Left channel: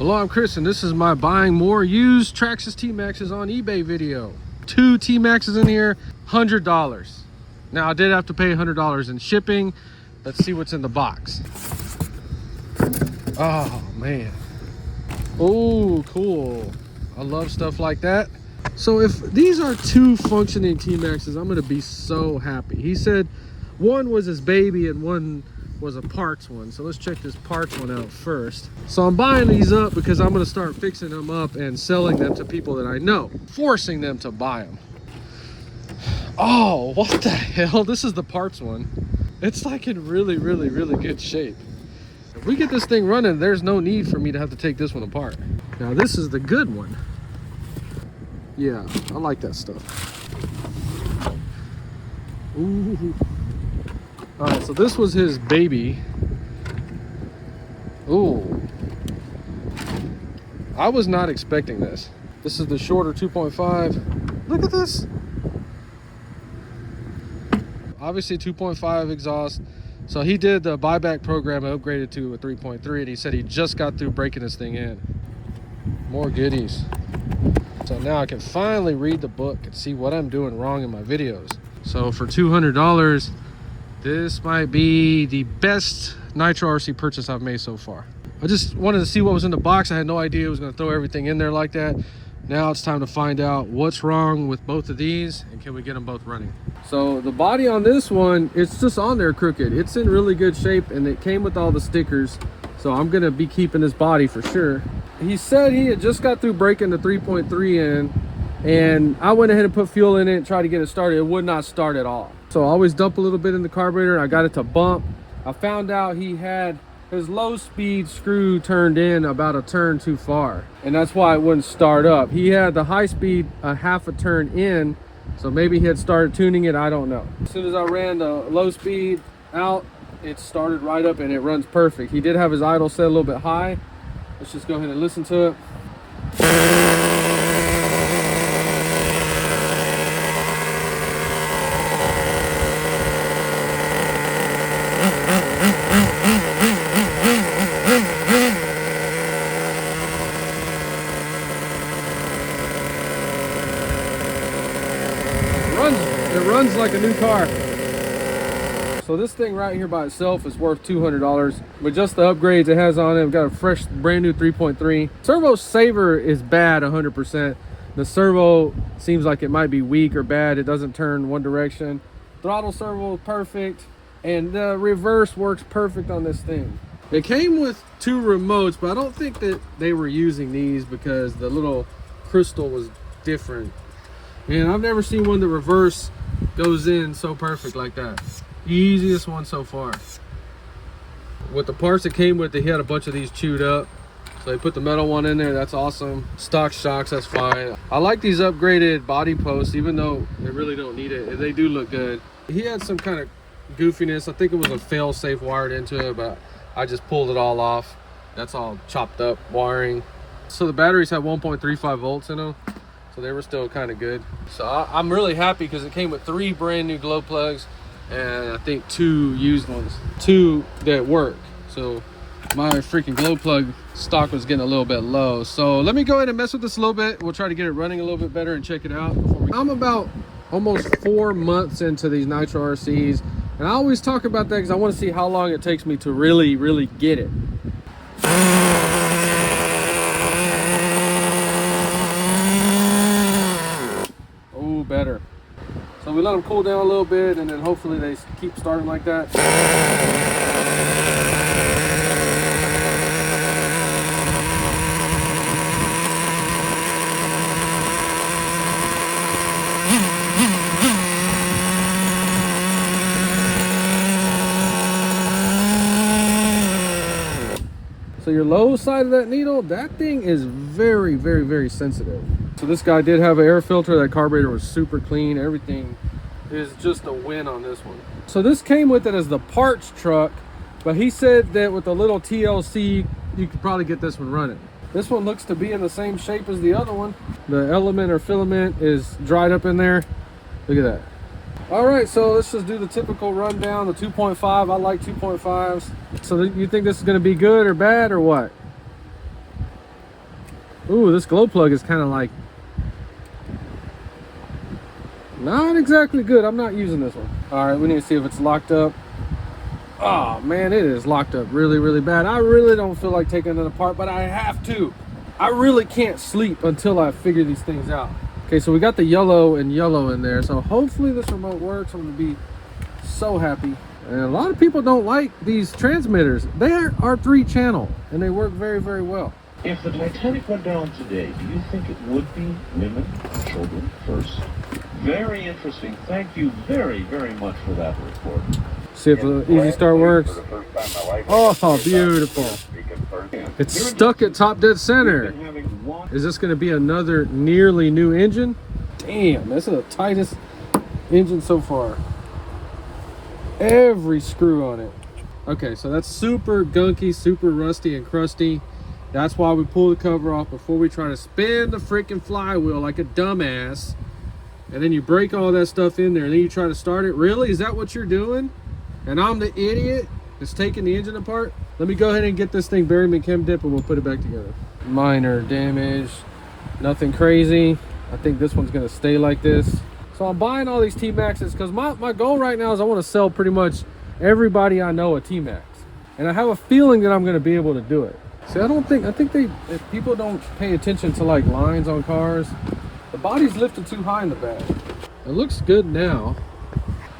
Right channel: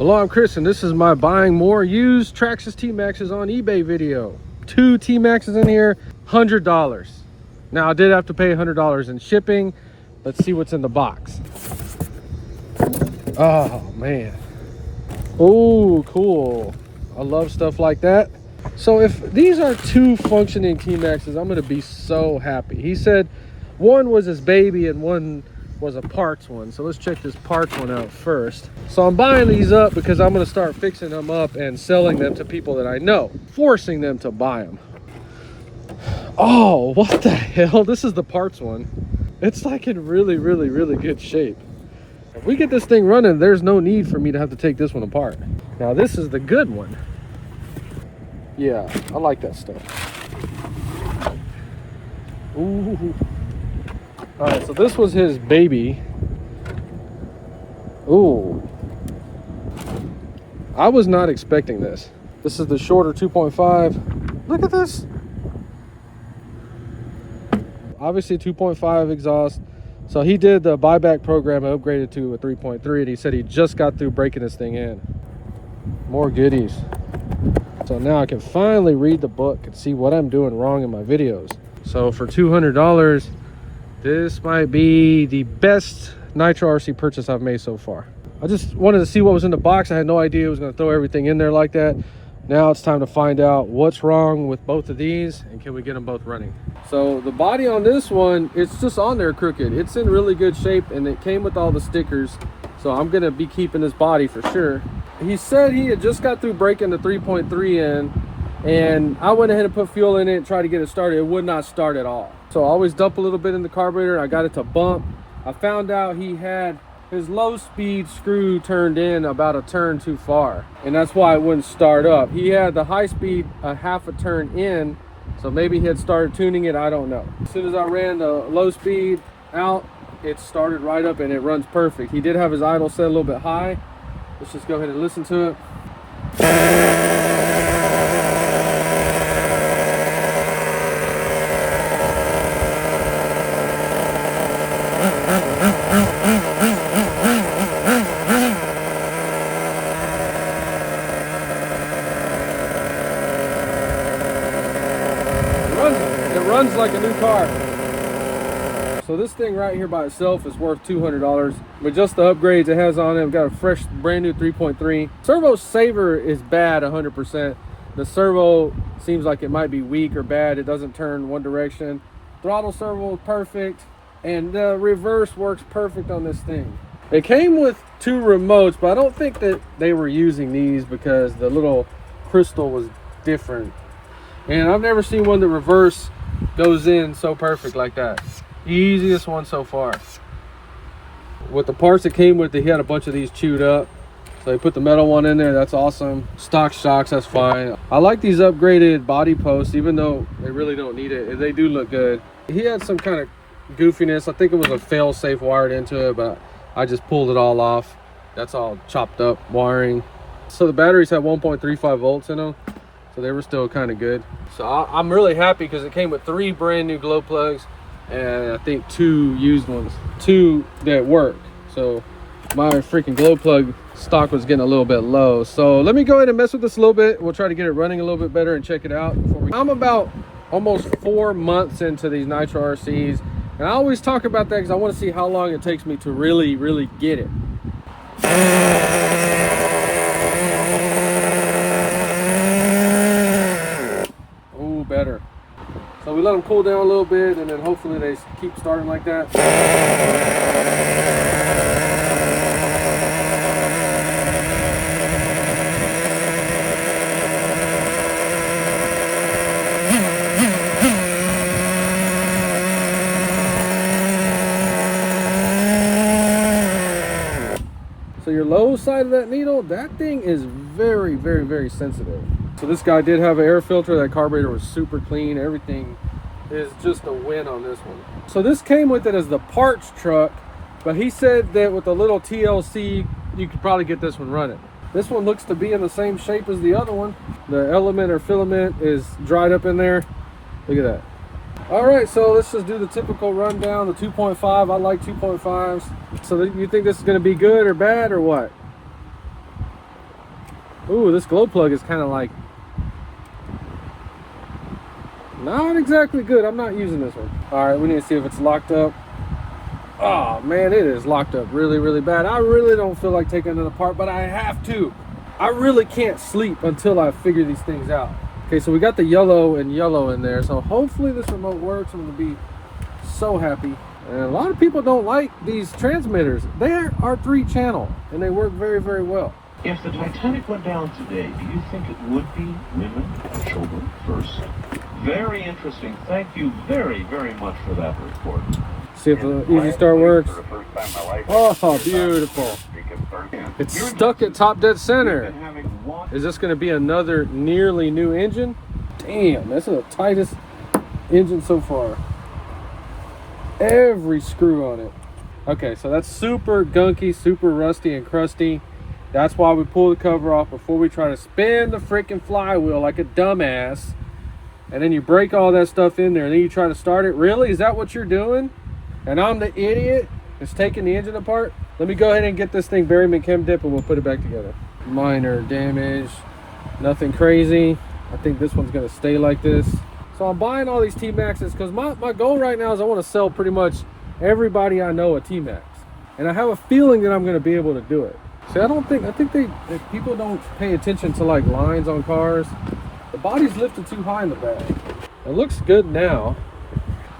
Hello, I'm Chris, and this is my buying more used traxxas t-maxxes on eBay video. 2 t-maxxes in here, $100. Now I did have to pay $100 in shipping. Let's see what's in the box. Oh man. Oh, cool. I love stuff like that. So if these are 2 functioning t-maxxes, I'm gonna be so happy. He said one was his baby and one was a parts one. So let's check this parts one out first. So I'm buying these up because I'm gonna start fixing them up and selling them to people that I know, forcing them to buy them. Oh, what the hell? This is the parts one. It's like in really good shape. If we get this thing running, there's no need for me to have to take this one apart. Now this is the good one. Yeah, I like that stuff. Ooh. All right, so this was his baby. Ooh. I was not expecting this. This is the shorter 2.5. Look at this. Obviously 2.5 exhaust. So he did the buyback program and upgraded to a 3.3, and he said he just got through breaking this thing in. More goodies. So now I can finally read the book and see what I'm doing wrong in my videos. So for $200, this might be the best Nitro RC purchase I've made so far. I just wanted to see what was in the box. I had no idea it was going to throw everything in there like that. Now it's time to find out what's wrong with both of these and can we get them both running. So the body on this one, it's just on there crooked. It's in really good shape and it came with all the stickers. So I'm going to be keeping this body for sure. He said he had just got through breaking the 3.3 in, and I went ahead and put fuel in it and tried to get it started. It would not start at all. So I always dump a little bit in the carburetor and I got it to bump. I found out he had his low speed screw turned in about a turn too far, and that's why it wouldn't start up. He had the high speed a half a turn in, so maybe he had started tuning it, I don't know. As soon as I ran the low speed out, it started right up and it runs perfect. He did have his idle set a little bit high. Let's just go ahead and listen to it. It runs like a new car. So this thing right here by itself is worth $200, but just the upgrades it has on it, I've got a fresh brand new 3.3. Servo saver is bad 100%. The servo seems like it might be weak or bad. It doesn't turn one direction. Throttle servo is perfect, and the reverse works perfect on this thing. It came with 2 remotes, but I don't think that they were using these because the little crystal was different. And I've never seen one that reverse goes in so perfect like that. Easiest one so far. With the parts that came with it, he had a bunch of these chewed up, so he put the metal one in there. That's awesome. Stock shocks, that's fine. I like these upgraded body posts, even though they really don't need it. They do look good. He had some kind of goofiness. I think it was a fail-safe wired into it, but I just pulled it all off. That's all chopped up wiring. So the batteries have 1.35 volts in them, so they were still kind of good. So I'm really happy because it came with 3 brand new glow plugs and I think 2 used ones, 2 that work. So my freaking glow plug stock was getting a little bit low. So let me go ahead and mess with this a little bit. We'll try to get it running a little bit better and check it out. I'm about almost 4 months into these Nitro RCs, and I always talk about that because I want to see how long it takes me to really get it. Oh, better. So we let them cool down a little bit, and then hopefully they keep starting like that. So your low side of that needle, that thing is very sensitive. So this guy did have an air filter. That carburetor was super clean. Everything is just a win on this one. So this came with it as the parts truck, but he said that with a little TLC, you could probably get this one running. This one looks to be in the same shape as the other one. The element or filament is dried up in there. Look at that. All right, so let's just do the typical rundown. The 2.5, I like 2.5s. So you think this is gonna be good or bad or what? Ooh, this glow plug is kind of like not exactly good. I'm not using this one. All right, we need to see if it's locked up. Oh man, it is locked up really, really bad. I really don't feel like taking it apart, but I have to. I really can't sleep until I figure these things out. Okay, so we got the yellow and yellow in there. So hopefully this remote works. I'm gonna be so happy. And a lot of people don't like these transmitters. They are 3-channel and they work very, very well. If the Titanic went down today, do you think it would be women and children first? Very interesting. Thank you very, very much for that report. See if the Easy Start works. Oh, beautiful. It's stuck at top dead center. Is this going to be another nearly new engine? Damn, this is the tightest engine so far. Every screw on it. Okay, so that's super gunky, super rusty and crusty. That's why we pull the cover off before we try to spin the freaking flywheel like a dumbass. And then you break all that stuff in there and then you try to start it. Really? Is that what you're doing? And I'm the idiot that's taking the engine apart? Let me go ahead and get this thing buried in chem dip and we'll put it back together. Minor damage, nothing crazy. I think this one's gonna stay like this. So I'm buying all these T-maxxes because my goal right now is I want to sell pretty much everybody I know a T-maxx. And I have a feeling that I'm gonna be able to do it. See, I think people don't pay attention to like lines on cars. The body's lifted too high in the back. It looks good now.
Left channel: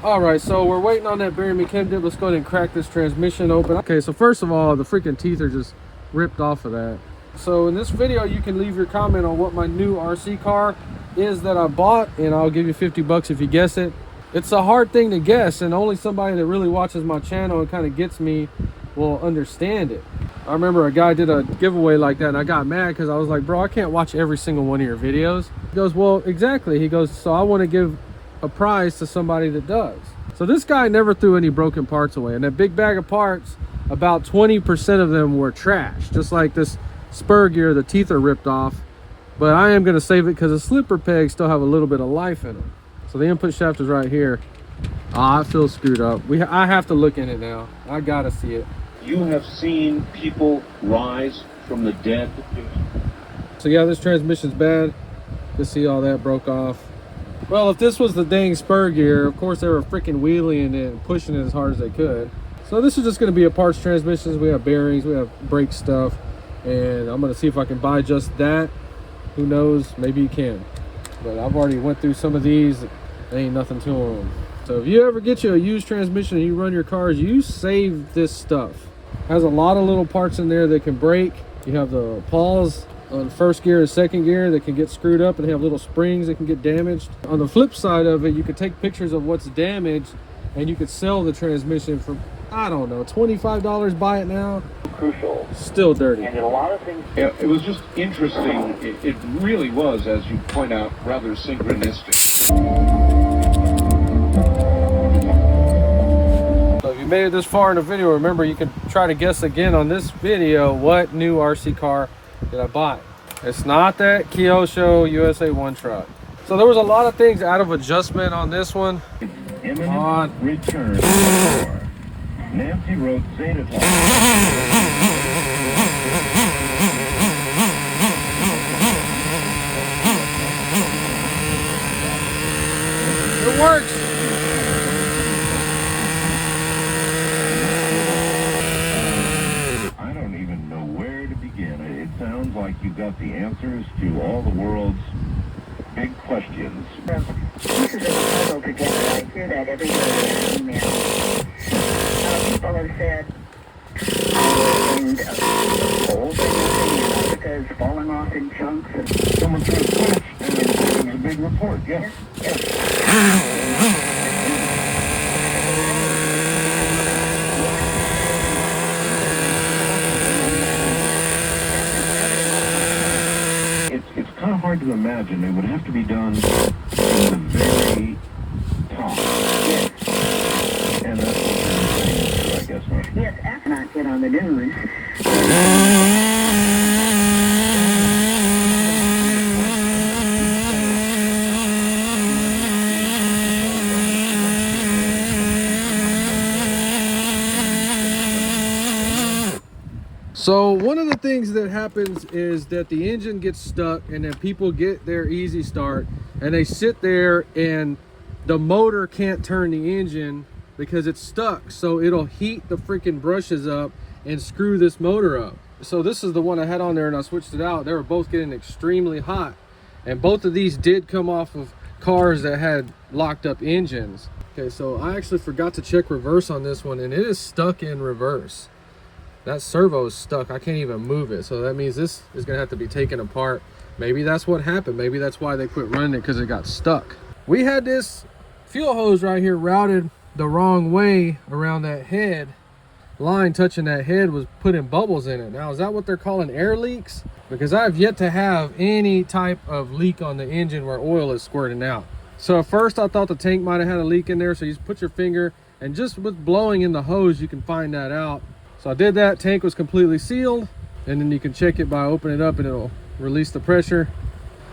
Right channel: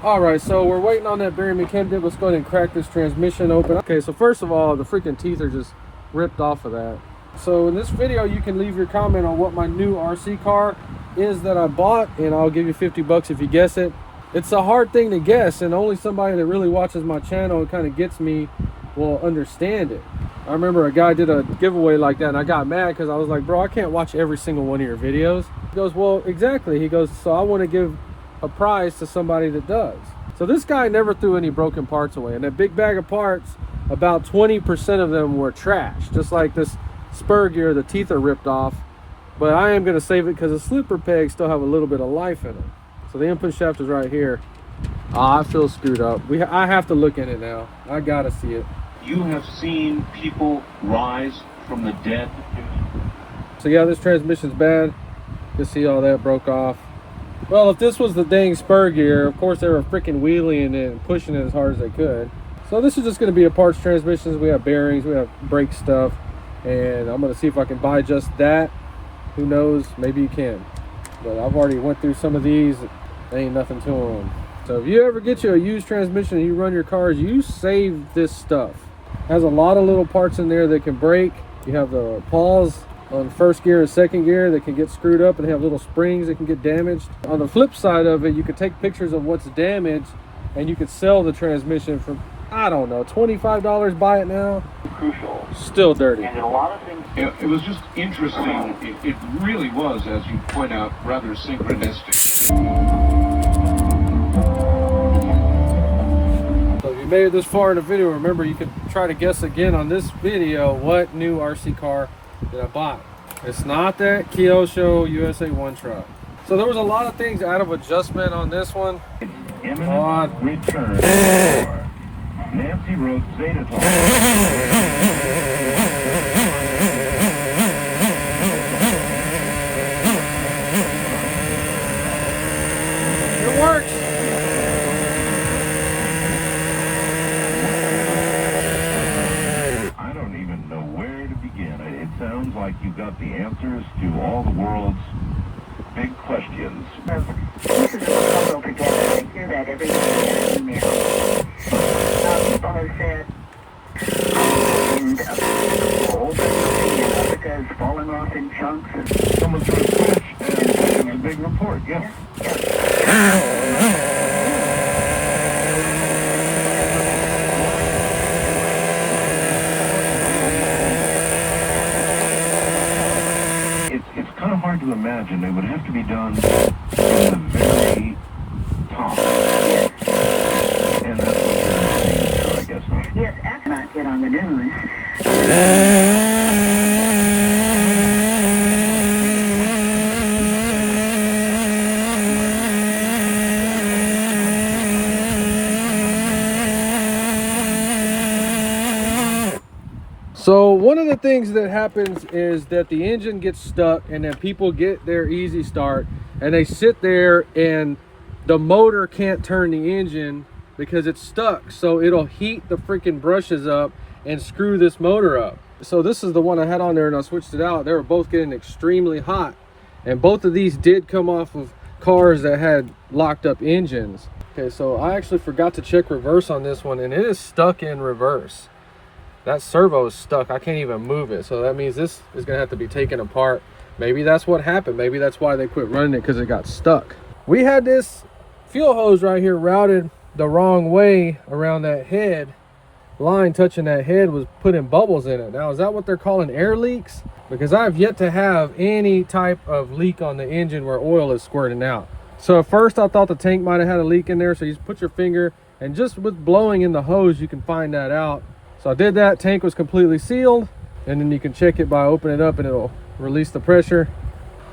All right, so we're waiting on that bearing chem dip. Let's go ahead and crack this transmission open. Okay, so first of all, the freaking teeth are just ripped off of that. So in this video, you can leave your comment on what my new RC car is that I bought, and I'll give you 50 bucks if you guess it. It's a hard thing to guess, and only somebody that really watches my channel and kind of gets me will understand it. I remember a guy did a giveaway like that, and I got mad because I was like, bro, I can't watch every single one of your videos. He goes, well, exactly. He goes, so I want to give a prize to somebody that does. So this guy never threw any broken parts away, and that big bag of parts, about 20% of them were trash. Just like this spur gear, the teeth are ripped off, but I am going to save it because the slipper pegs still have a little bit of life in them. So the input shaft is right here. I feel screwed up. I have to look in it now. I gotta see it. You have seen people rise from the dead. So yeah, this transmission's bad. You can see all that broke off. Well, if this was the dang spur gear, of course they were freaking wheeling it and pushing it as hard as they could. So this is just going to be a parts transmissions. We have bearings, we have brake stuff, and I'm going to see if I can buy just that. Who knows? Maybe you can. But I've already went through some of these. There ain't nothing to them. So if you ever get you a used transmission and you run your cars, you save this stuff. It has a lot of little parts in there that can break. You have the pawls on first gear and second gear that can get screwed up, and they have little springs that can get damaged. On the flip side of it, you could take pictures of what's damaged and you could sell the transmission for, I don't know, $25, buy it now. Crucial. Still dirty. And a lot of things. Yeah, it was just interesting. It really was, as you point out, rather synchronistic. So if you made it this far in the video, remember you can try to guess again on this video what new RC car did I buy. It's not that Kyosho USA 1 truck. So there was a lot of things out of adjustment on this one. Come on. Return. Nancy wrote Zeta. It works. I don't even know where to begin. It sounds like you got the answers to all the world's big questions. This is a puzzle together. I hear that every day in there. People have said, and America's falling off in chunks. And Someone threw a switch and it was a big report, yeah. It's kind of hard to imagine. It would have to be done in the very top. And that's what I guess. yes, astronaut get on the news. So one of the things that happens is that the engine gets stuck, and then people get their easy start and they sit there and the motor can't turn the engine because it's stuck. So it'll heat the freaking brushes up and screw this motor up. So this is the one I had on there and I switched it out. They were both getting extremely hot. And both of these did come off of cars that had locked up engines. Okay, so I actually forgot to check reverse on this one, and it is stuck in reverse. That servo is stuck. I can't even move it. So that means this is gonna have to be taken apart. Maybe that's what happened. Maybe that's why they quit running it, because it got stuck. We had this fuel hose right here routed the wrong way around that head. Line touching that head was putting bubbles in it. Now, is that what they're calling air leaks? Because I've yet to have any type of leak on the engine where oil is squirting out. So at first I thought the tank might have had a leak in there. So you just put your finger, and just with blowing in the hose, you can find that out. So I did that. Tank was completely sealed, and then you can check it by opening it up and it'll release the pressure.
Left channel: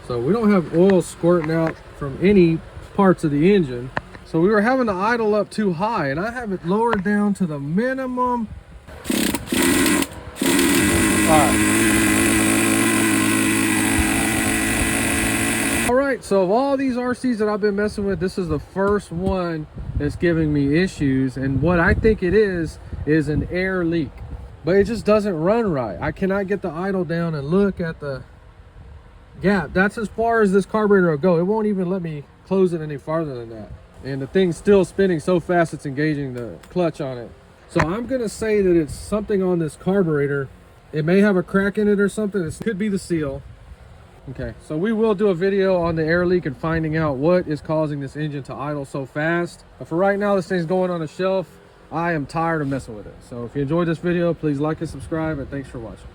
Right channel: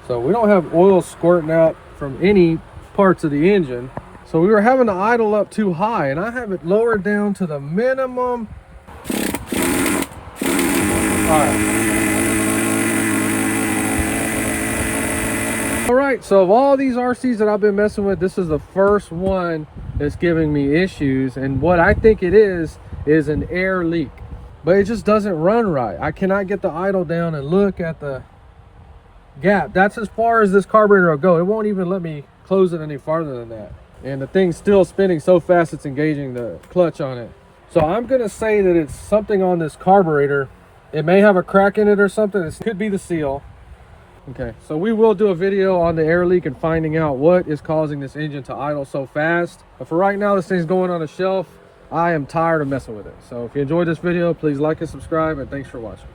So we don't have oil squirting out from any parts of the engine. So we were having to idle up too high, and I have it lowered down to the minimum. All right, so of all these RCs that I've been messing with, this is the first one that's giving me issues. And what I think it is an air leak, but it just doesn't run right. I cannot get the idle down and look at the gap. That's as far as this carburetor will go. It won't even let me close it any farther than that. And the thing's still spinning so fast it's engaging the clutch on it. So I'm gonna say that it's something on this carburetor. It may have a crack in it or something. It could be the seal. Okay, so we will do a video on the air leak and finding out what is causing this engine to idle so fast. But for right now, this thing's going on a shelf. I am tired of messing with it. So if you enjoyed this video, please like and subscribe, and thanks for watching.